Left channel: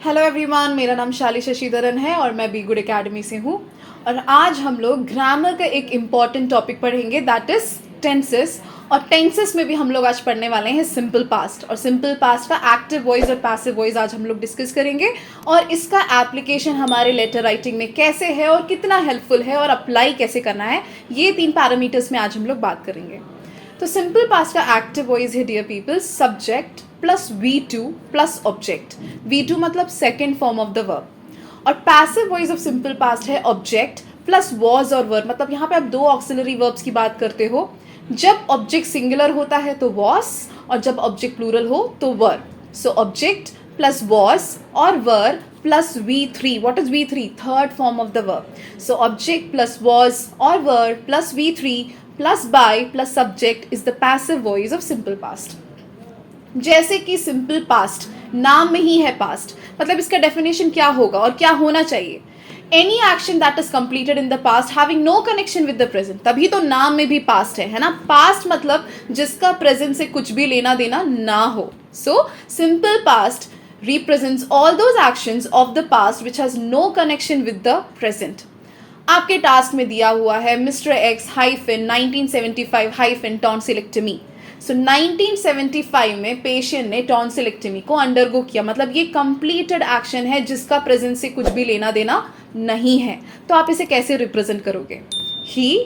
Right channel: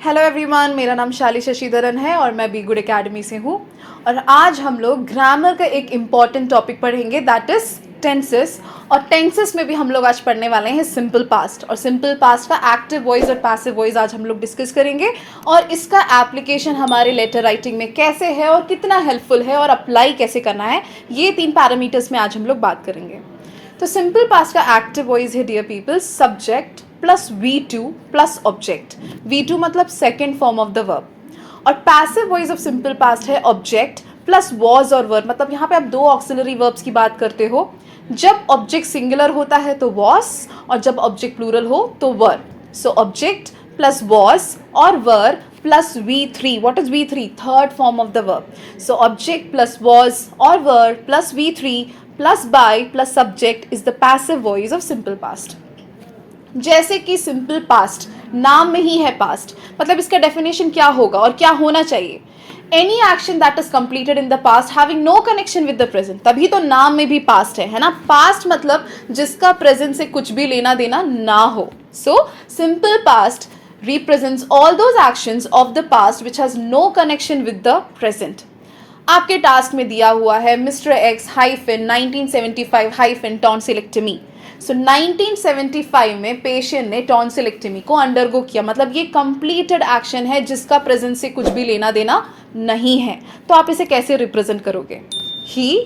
Hello everyone, मेरा नाम शाली शशिधरन है और मैं बी गुड एकेडमी से हूँ। और आज हम लोग ग्रामर का एक इम्पॉर्टेंट टॉपिक पढ़ेंगे, दैट इज टेंसेस। और टेंसेस में भी हम लोग आज पढ़ने वाले हैं सिंपल पास्ट, और सिंपल पास्ट का एक्टिव वॉइस और पैसिव वॉइस आज हम लोग डिस्कस करेंगे। और इसका एप्लीकेशन हमारे लेटर राइटिंग में कैसे है और कितना हेल्पफुल है और अप्लाई कैसे करना है, ये 3 पैरामीटर्स में आज हम लोग बात करेंगे। तो सिंपल पास्ट का एक्टिव वॉइस है dear people, subject plus V2 plus object. V2 मतलब second form of the verb. और passive voice of simple past है ऑब्जेक्ट प्लस वॉज और वर। मतलब यहाँ पे आप 2 ऑक्सिलरी वर्ब्स की बात करते हो। जब ऑब्जेक्ट सिंगुलर होता है तो वॉज, और जब ऑब्जेक्ट प्लूरल हो तो वर। सो ऑब्जेक्ट प्लस वॉज और वर plus V3. What is V3? Third form of the verb. So object plus was or were plus V3 plus by plus subject is the passive voice of simple past. जैसे कि simple past नाम में ही है past, मतलब इसका definition क्या होगा और क्या होना चाहिए? Any action that is completed in the past having no connection with the present. तभी तो नाम में भी पास्ट है ना। पास्ट मतलब जिसका प्रेजेंट से कुछ भी लेना देना ना हो। So simple past represents all those actions of the past which has no connection with the present. आपके टास्क में दिया हुआ है mister X hyphen 1975 hyphen tonsillectomy. So 1975 में पेशेंट ने टॉन्सिलेक्टमी को अंडरगो किया, मतलब ये कंप्लीटेड एक्शन है जिसका प्रेजेंट से कुछ भी लेना देना नहीं है। तो आप इसे कैसे रिप्रेजेंट करोगे? He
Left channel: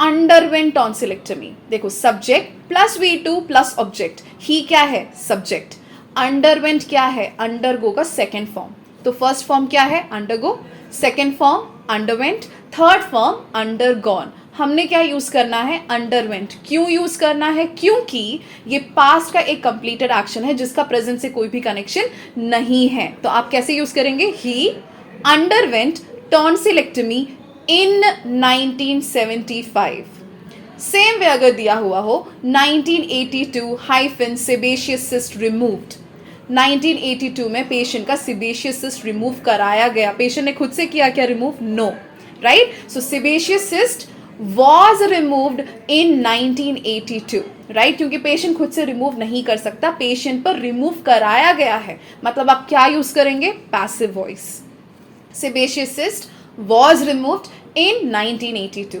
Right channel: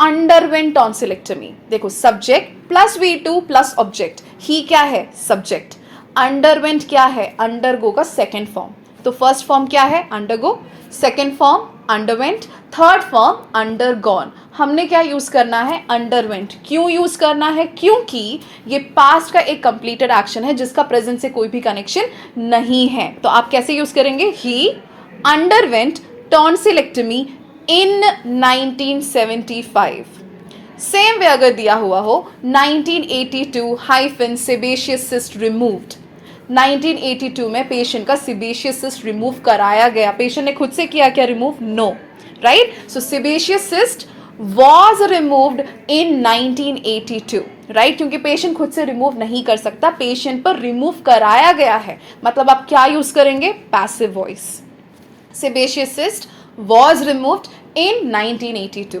underwent tonsillectomy. देखो, subject plus V2 plus object. He क्या है? सब्जेक्ट। अंडरवेंट क्या है? अंडरगो का सेकेंड फॉर्म। तो फर्स्ट फॉर्म क्या है? Undergo. Second form underwent. Third form undergone. हमने क्या यूज करना है? अंडरवेंट। क्यों यूज करना है? क्योंकि ये पास्ट का एक कंप्लीटेड एक्शन है जिसका प्रेजेंट से कोई भी कनेक्शन नहीं है। तो आप कैसे यूज करेंगे? ही अंडरवेंट टॉन्सिलेक्टमी इन 1975। सेम वे अगर दिया हुआ हो 1982 हाइफन सेबेशियस सिस्ट रिमूव्ड। 1982 में पेशेंट का सेबेशियस सिस्ट रिमूव कराया गया। पेशेंट ने खुद से किया क्या remove? No, right? So sebaceous cyst was removed in 1982, right? क्योंकि पेशेंट खुद से रिमूव नहीं कर सकता, पेशेंट पर रिमूव कराया गया है। मतलब आप क्या यूज करेंगे? Passive voice. Sebaceous cyst was removed in 1982।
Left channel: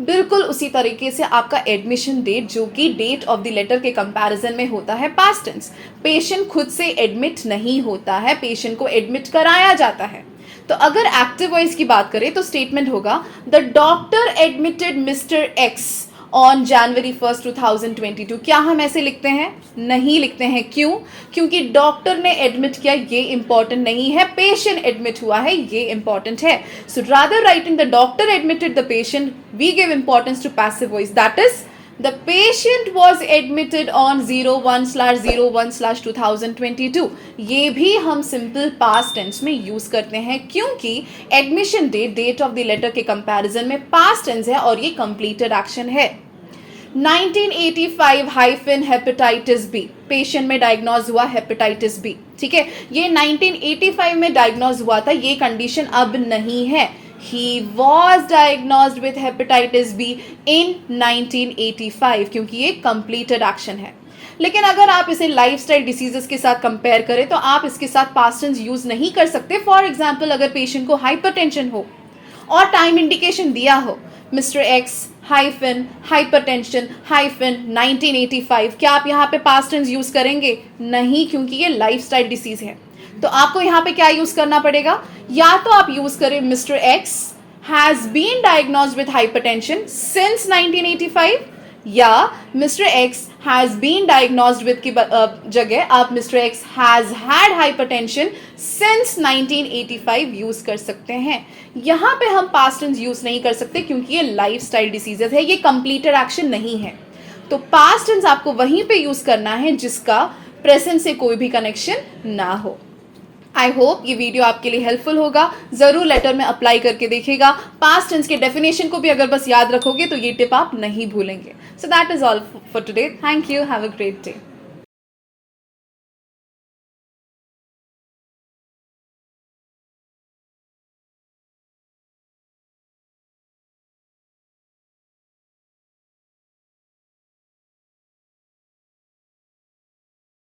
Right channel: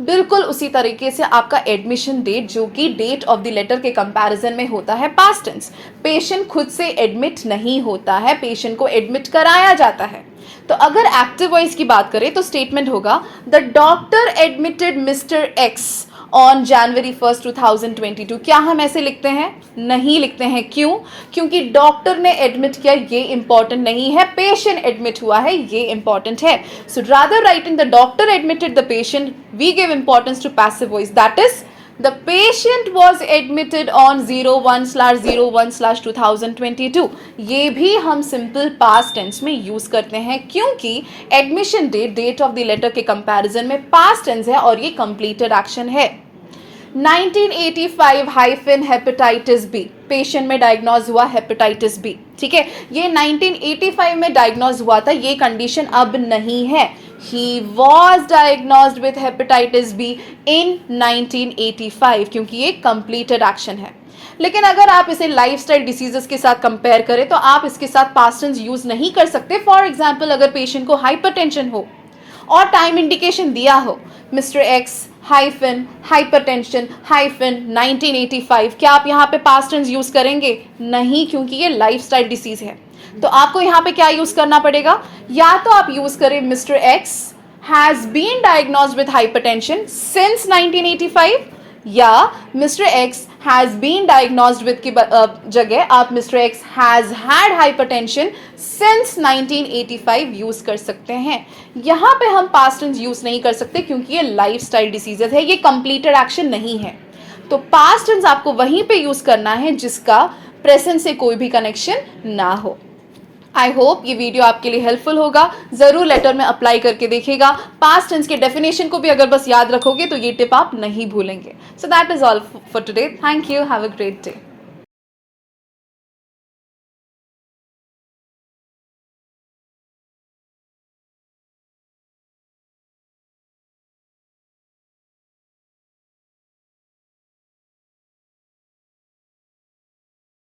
बिल्कुल उसी तरीके से आपका एडमिशन डेट, जो कि डेट ऑफ द लेटर के कंपैरिजन में होता है पास्ट टेंस। पेशेंट खुद से एडमिट नहीं होता है, पेशेंट को एडमिट कराया जाता है। तो अगर एक्टिव वॉइस की बात करें तो स्टेटमेंट होगा the doctor admitted mister x on January 1st 2022। क्या हम ऐसे लिखते हैं? नहीं लिखते हैं। क्यों? क्योंकि डॉक्टर ने एडमिट किया, ये इंपॉर्टेंट नहीं है, पेशेंट एडमिट हुआ है, ये इंपॉर्टेंट है। So rather writing the doctor admitted the patient, we give importance to passive voice, that is the patient was admitted on 01/01/2022। ये भी हम सिंपल पास्ट टेंस में यूज करते हैं क्योंकि admission date date of the letter के comparison में past tense है और ये कंप्लीटेड एक्शन है। 1985 हाइफन हेपेटाइटिस बी, पेशेंट में डायग्नोज हुआ हेपेटाइटिस बी। ठीक है, ये 1985 में डायग्नोज हुआ था, ये कंडीशन अब नहीं है। He was diagnosed with hepatitis B in 1985, क्योंकि ये कंप्लीटेड एक्शन है। लेकिन अगर आप इसे लाइफस्टाइल डिसीजेस के साथ कंपेयर करें तो आप इसके साथ पास्ट टेंस यूज नहीं कर सकते। फॉर एग्जाम्पल, अगर पेशेंट को हाइपरटेंशन हो और टाइम इंडिकेशन दिया हो mister X hyphen hypertension hyphen 1985, क्या आप यहाँ पे पास्ट टेंस यूज करेंगे? नहीं, क्योंकि ये लाइफस्टाइल डिसीज है। तो आपको यहाँ पे क्या यूज करना पड़ेगा? या तो आप यूज करें mister X has been diagnosed with hypertension since 1985, या mister X has been diagnosed with की जगह आप mister X has had hypertension since 1985 use कर सकते हैं। यहाँ पे हम पास्ट टेंस यूज नहीं कर सकते क्योंकि ये लाइफस्टाइल डिसीजेस है, ये कंप्लीटेड एक्शन नहीं है। तो पास्ट टेंस आपको वहीं पे यूज करना है जिसका प्रेजेंट से कोई भी कनेक्शन ना हो। आई होप ये वीडियो आपके लिए हेल्पफुल होगा। जरूर लेटर में अप्लाई करके देखिएगा। पास्ट टेंस के डेफिनेशन को भी अगर बस याद रखोगे तो ये टिप आप नहीं भूलेंगे। So that is all for today. Thank you, have a great day.